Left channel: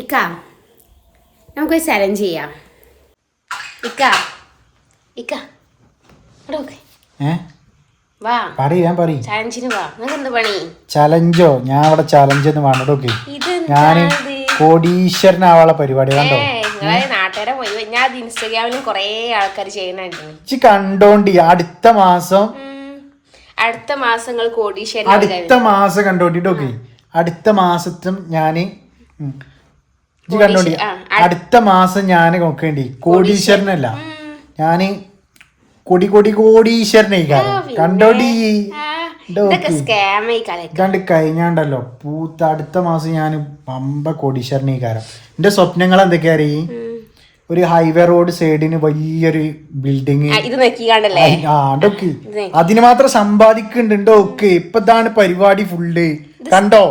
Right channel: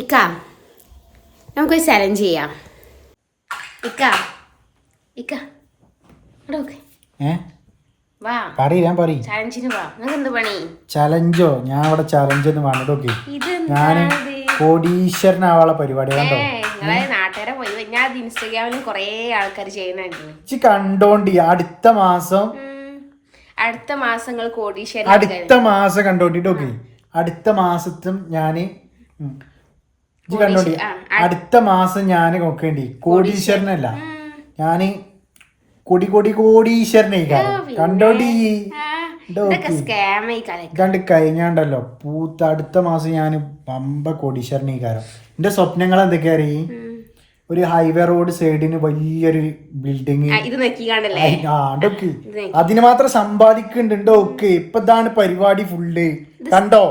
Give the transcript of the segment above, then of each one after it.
ഇക്ക നമുക്കൊരു ചലഞ്ച് ചെയ്യാം. ഇക്ക ഇക്ക ഇവിടെ നോക്ക് വാ. പറയ് ഞാൻ പറയും ചലഞ്ചിന് വാ. നിങ്ങൾക്ക് എന്ത് പണി ചലഞ്ചോ ഞാൻ അവിടെ ചലഞ്ച് എന്ന് പറഞ്ഞോക്കെ ഇത് ഞാൻ കോടീശ്വരനാവാനുള്ള പരിപാടി കണ്ടോ? നിങ്ങളെ നാട്ടുകാരെ പോയി. ഞാൻ അത് ഇൻസ്റ്റാഗ്രാമിലും കുറേ ആൾക്കാർ ഇച്ചി കണ്ടോണ്ടി അടുത്ത മാസം. അടുത്ത മാസങ്ങൾ കോടീശ്വരൻ അടുത്ത മാസം കണ്ടോണ്ടിട്ടൊക്കെ അടുത്ത മാസത്തും ഞാൻ ഉം. കണ്ടോണ്ടി അടുത്ത മാസം ഞാൻ നോക്കേണ്ടി. കോടീശ്വരനല്ല. ഞാൻ കൊടി കൊടി കോടീശ്വരനെ കണ്ടോണ്ടി കണ്ട് കഴിഞ്ഞാണ്ടല്ലോ. പൂത്ത അടുത്ത മാസം ഞാൻ പമ്പ കോടീശ്വരനെ കാരം എന്റെ സ്വപ്നങ്ങൾ എന്തൊക്കെയാ അറിയ? ഒരു ഹൈവേ റോഡ് സൈഡിന് വലിയൊരു ബിൽഡിങ് അതൊക്കെ അതിന് മാത്രം സമ്പാദിക്കുന്നുണ്ടോ ഒക്കെ ഇപ്പൊ ഇതാണ് പരിപാടി ഫുള്ള് കണ്ടോ?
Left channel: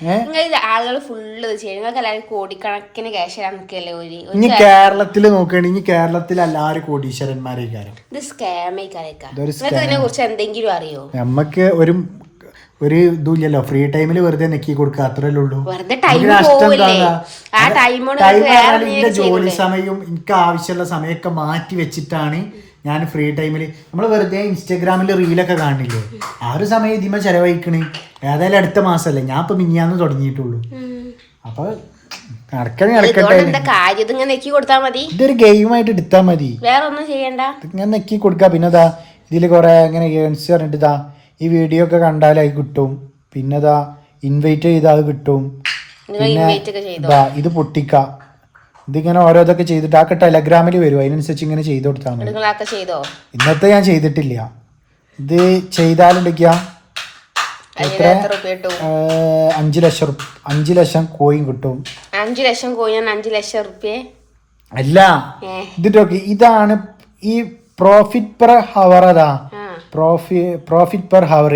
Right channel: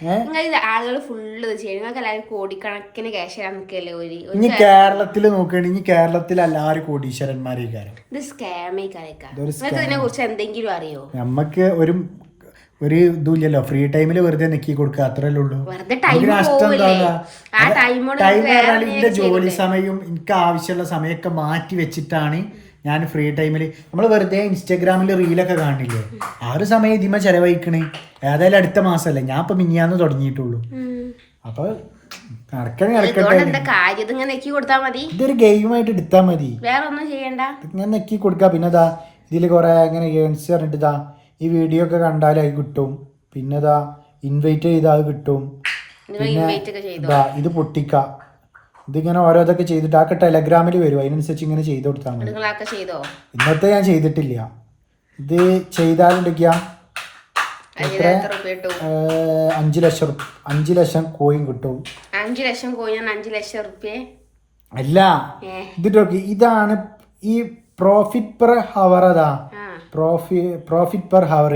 നിങ്ങൾ ഇത് ആളുകൾ ഫുള്ള് ഇത് ചെയ്യും. നിങ്ങൾക്ക് എല്ലാവരും കോടിക്കണക്കിന് ക്യാഷ് തരാൻ നിൽക്കല്ലേ ഒരു ഇനി കേരളത്തിൽ നോക്കുകയാണെങ്കിൽ കേരളത്തിൽ എല്ലാവരും കോടീശ്വരന്മാരെ ഇത് സ്കാം ആയി കലക്ക ഇതൊരു നിങ്ങൾക്ക് ഇതിനെ കുറിച്ച് എന്തെങ്കിലും അറിയോ? നമ്മക്ക് ഒരു ഒരു ഇതുമില്ലല്ലോ. ഫ്രീ ടൈമിൽ വെറുതെ നിക്കി കൊടുക്കുക അത്രല്ലേ ഉള്ളൂ. ടൈം പറഞ്ഞാൽ എന്റെ ജോലി സമയവും എനിക്ക് ആവശ്യമുള്ള സമയമൊക്കെ മാറ്റി വെച്ചിട്ടാണ് ഞാൻ ഫ്രീ ടൈമിൽ നമ്മൾ വെറുതെ ഇൻസ്റ്റാഗ്രാമിൽ റീലൊക്കെ കാണില്ലേ? ആ ഒരു സമയം ഇതിമ ചെലവഴിക്കണേ. ഏതായാലും അടുത്ത മാസമല്ലേ ഞാൻ ഇപ്പൊ മിഞ്ഞാന്ന് തുടങ്ങിയിട്ടുള്ളൂ. അപ്പോൾ അപ്പൊ നടക്കണേ നടക്കട്ടെ ഇതൊരു ഗെയിമായിട്ട് എടുത്താൽ മതി. ഞാൻ നെക്കി കൊടുക്കാം. പിന്നെ ഇതാ ഇതിൽ കുറെ ഇങ്ങനെ ഗെയിംസ് പറഞ്ഞിട്ട് ഇതാ ഈ വീഡിയോ ഒക്കെ കണ്ടാൽ അത് കിട്ടും. പിന്നെ ഇതാ ഇൻവൈറ്റ് ചെയ്താൽ അത് കിട്ടും. ഇത് പൊട്ടിക്ക. ഇതിങ്ങനെ ഓരോതൊക്കെ ചെയ്തിട്ട് ആ ടെലഗ്രാമിൽ വരും. അതിനനുസരിച്ച് ഇങ്ങനെ ചെയ്ത് കൊടുത്താൽ മതി. നിങ്ങളൊക്കെ ചെയ്തോ? ഇന്നത്തെ ഞാൻ ചെയ്തിട്ടില്ല. ഇത് ചെയ്താലുണ്ടെങ്കിയ അഞ്ചു ലക്ഷം അഞ്ചു ലക്ഷം കോയിൻ കിട്ടും. അഞ്ചു ലക്ഷം കോയിൻ അഞ്ചു ലക്ഷം റുപ്യ? അല്ല. ഇതിട്ടൊക്കെ ഇതാണ് ഈ പ്രോഫിറ്റ് പെർ ഹവർ അതാ. പ്രോഫി പ്രോഫിറ്റ് പെർ ഹവർ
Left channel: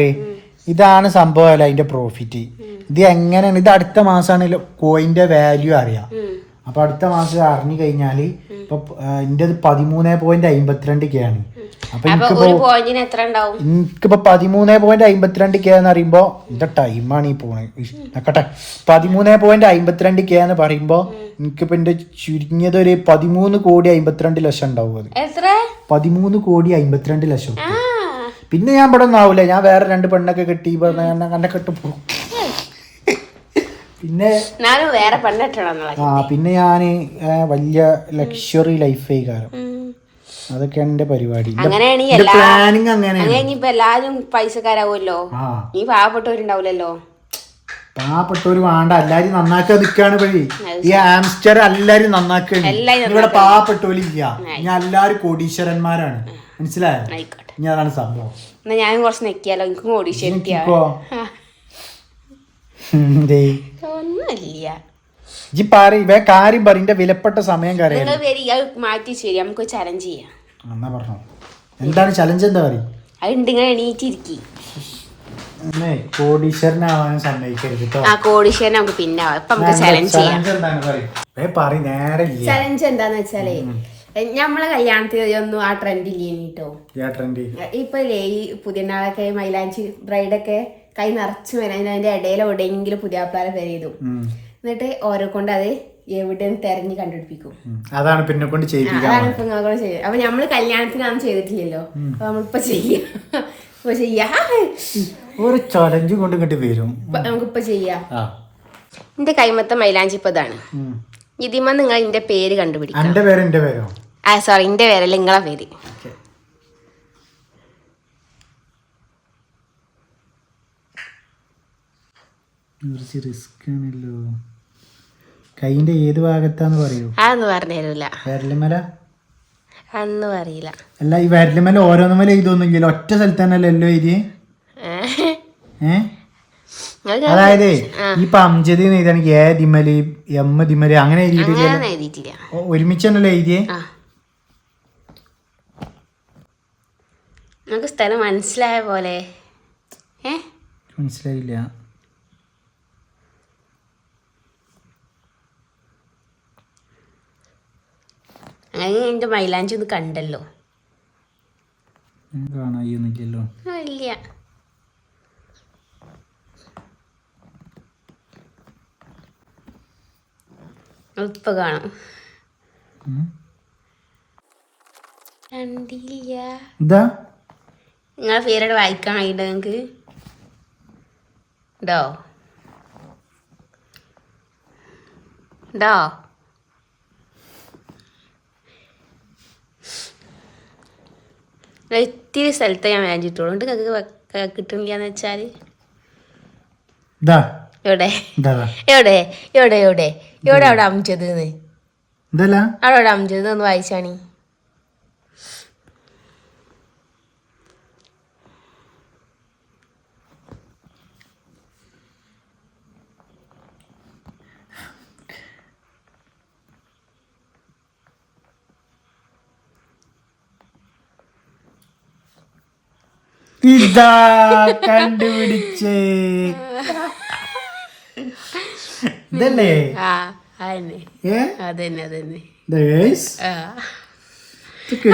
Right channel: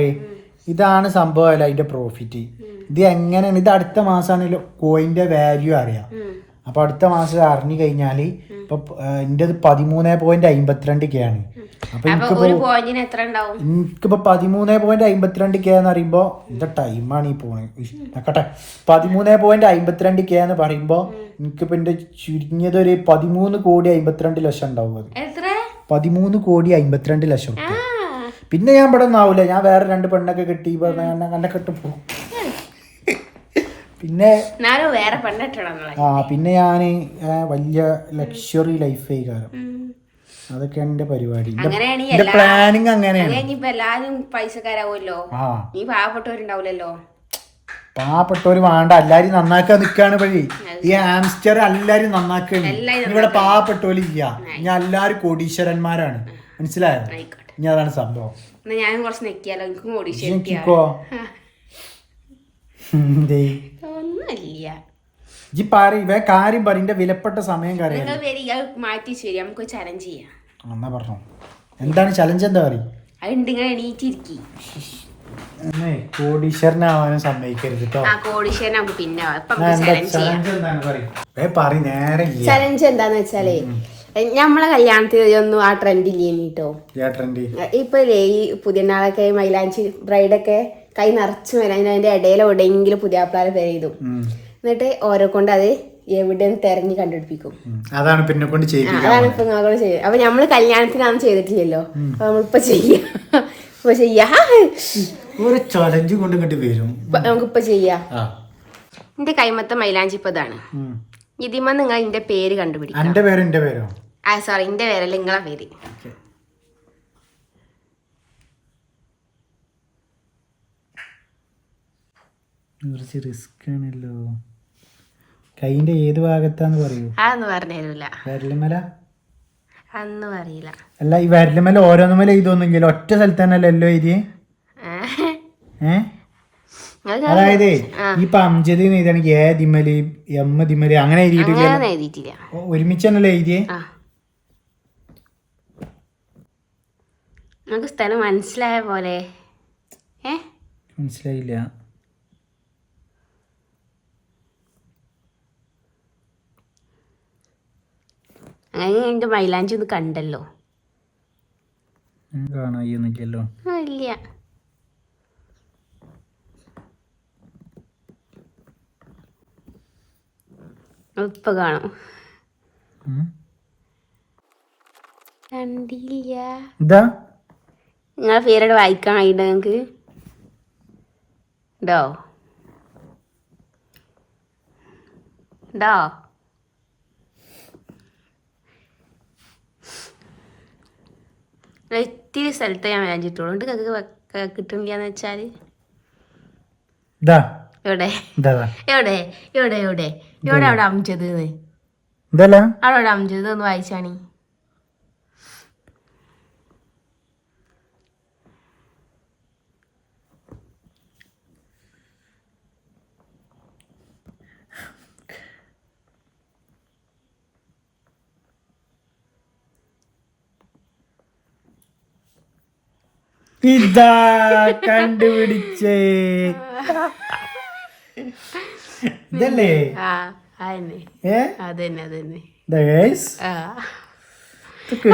ഇതാണ് സംഭവം അല്ല അതിന്റെ പ്രോഫിറ്റ് ഇത് എങ്ങനെയാണ്? ഇത് അടുത്ത മാസമാണ് കോയിന്റെ വാല്യൂ അറിയാം. അപ്പൊ അടുത്ത മാസം അറിഞ്ഞു കഴിഞ്ഞാൽ ഇപ്പൊ എന്റെ പതിമൂന്ന് പോയിന്റ് അമ്പത്തിരണ്ട് കെ ആണ്. അപ്പൊ എനിക്കിപ്പോ എനിക്കിപ്പോ പതിമൂന്ന് പോയിന്റ് അമ്പത്തിരണ്ട് കെ എന്ന് പറയുമ്പോ എന്താ ടൈമാണ് ഈ പോണത്. നോക്കട്ടെ. പതിമൂന്ന് പോയിന്റ് അമ്പത്തിരണ്ട് കെ എന്ന് പറയുമ്പോ എനിക്കിപ്പോ എന്റെ ചുരുങ്ങിയത് ഒരു പതിമൂന്ന് കോടി അമ്പത്തിരണ്ട് ലക്ഷം ഉണ്ടാവും അത്. പതിമൂന്ന് കോടി അമ്പത്തിരണ്ട് ലക്ഷം പിന്നെ ഞാൻ ഇവിടെ ഒന്നാവൂല ഞാൻ വേറെ രണ്ട് പെണ്ണൊക്കെ കെട്ടി അങ്ങനെ കെട്ടി. പോകും പിന്നെ ഞാനും വേറെ ആ പിന്നെ ഞാൻ വലിയ ലക്ഷറി ലൈഫ് കാരണം അതൊക്കെ എന്റെ പരിപാടി. പ്ലാനിങ് അങ്ങനെയാണ് എല്ലാരും പൈസക്കാരാവുമല്ലോ? ഈ പാവപ്പെട്ടവരുണ്ടാവില്ലല്ലോ പാവപ്പെട്ടവര് വേണ്ട എല്ലാരും നന്നാക്കാൻ നിക്കാണ് വഴി ഈ ആംസ്റ്റർ എല്ലാരും നന്നാക്കാണ്. ഇവിടെ പാവപ്പെട്ടവര് ഇല്ല. ഞാൻ എല്ലാരും കോടീശ്വരന്മാരാണ്. മനസ്സിലായോ? ഇനി അതാണ് സംഭവം. ഞാൻ കുറച്ച് നെക്കിയാലോ. എനിക്ക് കോടീശ്വരൻ ഒന്നുമില്ല. പാറി ഇവ കാര്യം പറ ഇന്റെ വിലപ്പെട്ട സമയം കാര്യം. നിങ്ങൾ വരിക അത് മാറ്റി ശരി നമുക്ക് ചലഞ്ച് ചെയ്യാം. എന്നാ പറഞ്ഞോ? എന്താണ് ചലഞ്ച് എന്താ പറയും? അതുണ്ട് ഇങ്ങനെ എണീറ്റിരിക്കി. എന്നേ കോടീശ്വരനാവാനും സമ്മതിക്കരുത് കേട്ടോ ആ കോടീശ്വരൻ നമുക്ക് പിന്നെ ആവാം. ഇപ്പൊ നമുക്ക് ചലഞ്ച് ചെയ്യാം. ചലഞ്ച് എന്താണ് പറയും? ഏ പറ നേരെ ഇല്ല. ചലഞ്ച് എന്താന്ന് വെച്ചാലേ നമ്മളെ കല്യാണത്തിന് ഒന്നും ആ ട്രെൻഡ് ഇല്ലേനി കേട്ടോ ട്രെൻഡി ഇപ്പൊ ഇല്ലേ ഈ പുതിയ നാളൊക്കെ മൈലാഞ്ചി ബ്രൈഡൊക്കെ കൈ നിറച്ചു വരാൻ അതിന്റെ ഇടയിൽ എവിടെയെങ്കിലും പുതിയ ആപ്പിളാരെ പെരിയതും എന്നിട്ട് ഓരോ കൊണ്ട് അത് എവിടെ തെരഞ്ഞു കണ്ടുപിടിപ്പിക്കും. അതാണ് പിന്നെ കൊണ്ട് ചെയ്യിപ്പിക്കാൻ അതാണ് ഇപ്പൊ നിങ്ങളോട് ചെയ്യുക അപ്പൊ നമ്മൾ കല്യാണത്തിനാന്ന് ചെയ്തിട്ടില്ലല്ലോ. അപ്പൊ നമ്മളിപ്പൊ ചെയ്യാം. ഇപ്പൊ ചെയ്യാ. ഒരു ചലഞ്ച് കൊണ്ട് ഇങ്ങോട്ട് വരും. ഇപ്പൊ നമുക്കിപ്പൊ ചെയ്യാം. ആ. എന്റെ കൈമത്ത മൈലാഞ്ചി ഇപ്പൊ ഇതാണ് ഇതിമ നിങ്ങൾ എന്റെ പേര് കണ്ടുപിടിക്കും. എന്റെ പേര് എന്റെ പേരോ? ആ സോറി എന്റെ പേരല്ല നിങ്ങളെ പേര്. കുറച്ച് റിസ്ക് ആണല്ലോ. കൈന്റെ ഏത് ഭാഗത്താന്ന് പറയൂ? അതൊന്നും പറഞ്ഞു തരൂല. വരലുമല? അതൊന്നും അറിയില്ല. അല്ല ഈ വരലുമല ഓരോന്നുമല ഇതൊന്നുമില്ലല്ലോ. ഒറ്റ സ്ഥലത്ത് തന്നെ അല്ലല്ലോ എഴുതി ഏ അതായത് ഈ പംജതി എഴുതാണെങ്കിൽ ഏ ദിമൽ എം ദിമൽ അങ്ങനെ എഴുതിയിട്ടില്ല അങ്ങനെയൊന്നും എഴുതിയിട്ടില്ല. ഒരുമിച്ച് തന്നെയല്ലേ എഴുതിയേ? നമുക്ക് സ്ഥലം മനസ്സിലായ പോലെ. ഏ? മനസ്സിലായില്ല. എന്റെ മൈലാഞ്ചി ഒന്ന് കണ്ടല്ലോ. കാണാനില്ലല്ലോ ഇല്ല. ഇപ്പൊ കാണും. കണ്ടില്ല. നിങ്ങളെ പേരോട് വായിക്കാൻ കഴിയണ്ട നിങ്ങൾക്ക് ഡോ ഡോ ഇത്തിരി സ്ഥലത്ത് ഞാൻ എന്നിട്ട് നിങ്ങൾക്ക് കിട്ടുന്നില്ല എന്ന് വെച്ചാൽ എവിടെ. എവിടെ? എവിടെ എവിടെ? എവിടെ അവിടെ അമിച്ചത് അവിടെ അവിടെ അമിച്ചത് ഒന്ന് വായിച്ചാണി. ഇതാ കണ്ടുപിടിച്ചേ. ഇതല്ലേ? ആ അതന്നെ. അതന്നെ. ആ. ഇതൊക്കെ?